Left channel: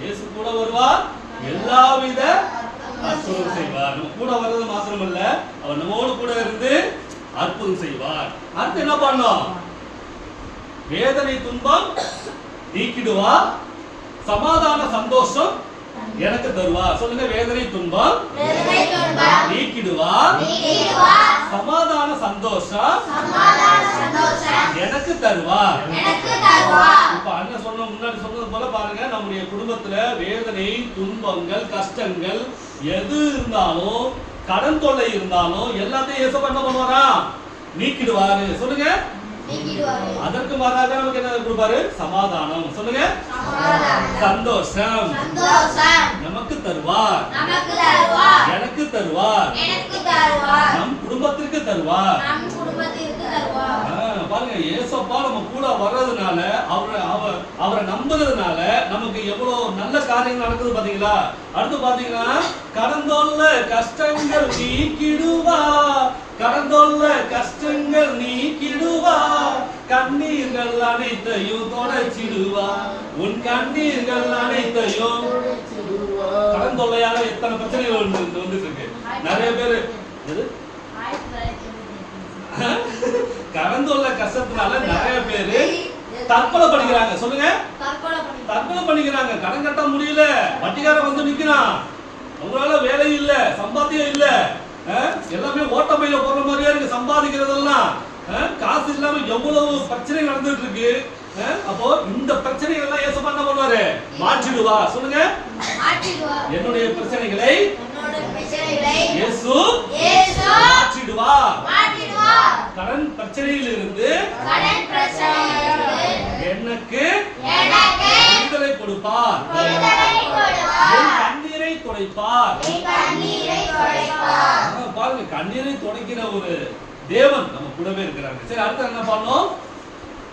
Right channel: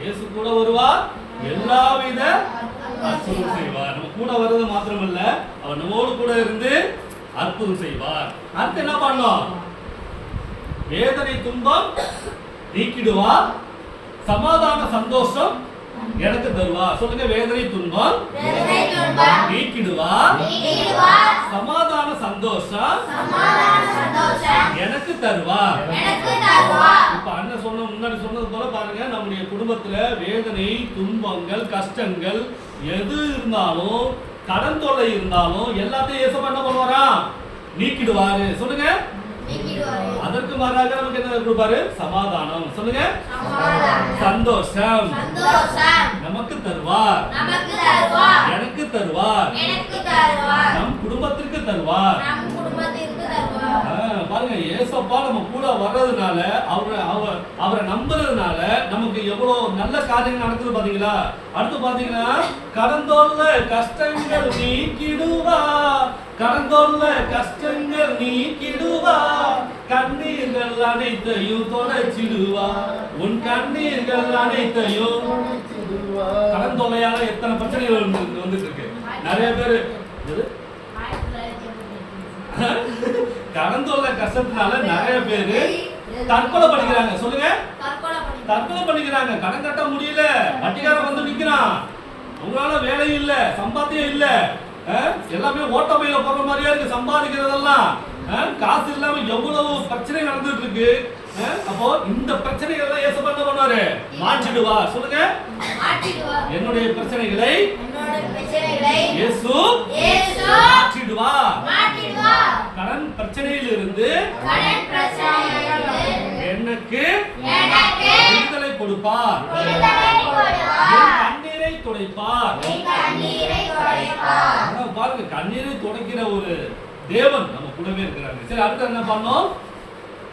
இயேசு கூட வருவார், எல்லாவித அற்புதம் செய்வார். நம்ம கூட வர்றது மாத்திரமல்ல, அவர் நம்மோடு கூட இருந்து அற்புதம் செய்வார். அடுத்து என்ன பண்ணோம்? வேதனை துன்பம் நீக்கிடுவார், சமாதான சந்தோஷம் எனக்கு தருவார். சொல்லுங்க, வேதனை துன்பம் நீக்கிடுவார், சமாதான சந்தோஷம் எனக்கு தருவார். இப்ப அண்ணன் சொன்ன முன்னாடி சொன்னது போல பாருங்க, நம்முடைய குடும்பத்துல வேதனை துன்பங்கள் கஷ்டங்கள் எது இருந்தாலும், கடன் தொல்லை இருந்தாலும் எல்லாத்தையும் இயேசு என்ன பண்ணுவாரா? நீக்கிடுவாரு. சொல்லுங்க, அதற்கு மாறாக நமக்கு என்ன கொடுப்பாரு? சமாதானம். சொல்லுங்க, சந்தோஷம் நமக்கு தருவார், எனக்கு தருவார், நம் குடும்பத்திற்கு தருவார். பாருங்க, ஏசப்பா நம்ம கூட வர்றதுனால, அவரை நம்புறதுனால நமக்கு எவ்வளவு நல்ல காரியங்கள் நடக்குது பாத்தீங்களா? அடுத்து பாத்தீங்கன்னா, கடந்தோல்ல கஷ்டங்கள் நீக்கிடுவா, கடந்தோல்ல கஷ்டங்கள் நீக்கிடுவா, கண்ணீர்கள் அனைத்தையும் தொடச்சிடுவா, உன் கண்ணீர்கள் அனைத்தையும். கடந்தொல்லையால எத்தனை பிரச்சனைகள் வந்துட்டு இருக்கு. நிறைய பேரு கடந்தொல்லை கஷ்டத்தினால நிறைய பேரு தற்கொலை பண்ணிக்கிறாங்க. சொல்லுங்க, தற்கொலை பண்ணிக்கிறாங்க. கடன் கட்ட முடியல, வட்டிக்காரன் வந்து நிக்கிறான், அவங்களால வேலையும் இல்ல, சம்பாத்தியம் இல்ல, எல்லாமே ஓட்டமையில போற மாதிரியே இருக்கு சம்பாதிக்கிறதெல்லாம். காசு இல்லாம எவ்வளவு பிரச்சனை நடந்துட்டு இருக்கு. அப்போ இந்த பிரச்சனைகள் எல்லாம் இயேசு என்ன பண்ணுவாரு? மாற்றிடுவா. சொல்லுங்க, என்னுடைய பிரச்சனைகளை இயேசு மாற்றிடுவா. கடன் பிரச்சனையில் இருந்து எனக்கு விடுதலை கொடுப்பார், கண்ணீரை துடைப்பார். பாருங்க, கண்ணீரை துடைக்கிற ஒரு தேவன் நம்ம கூடவே இருக்கிறாங்க. சரி, அடுத்து என்ன பண்ணோம்?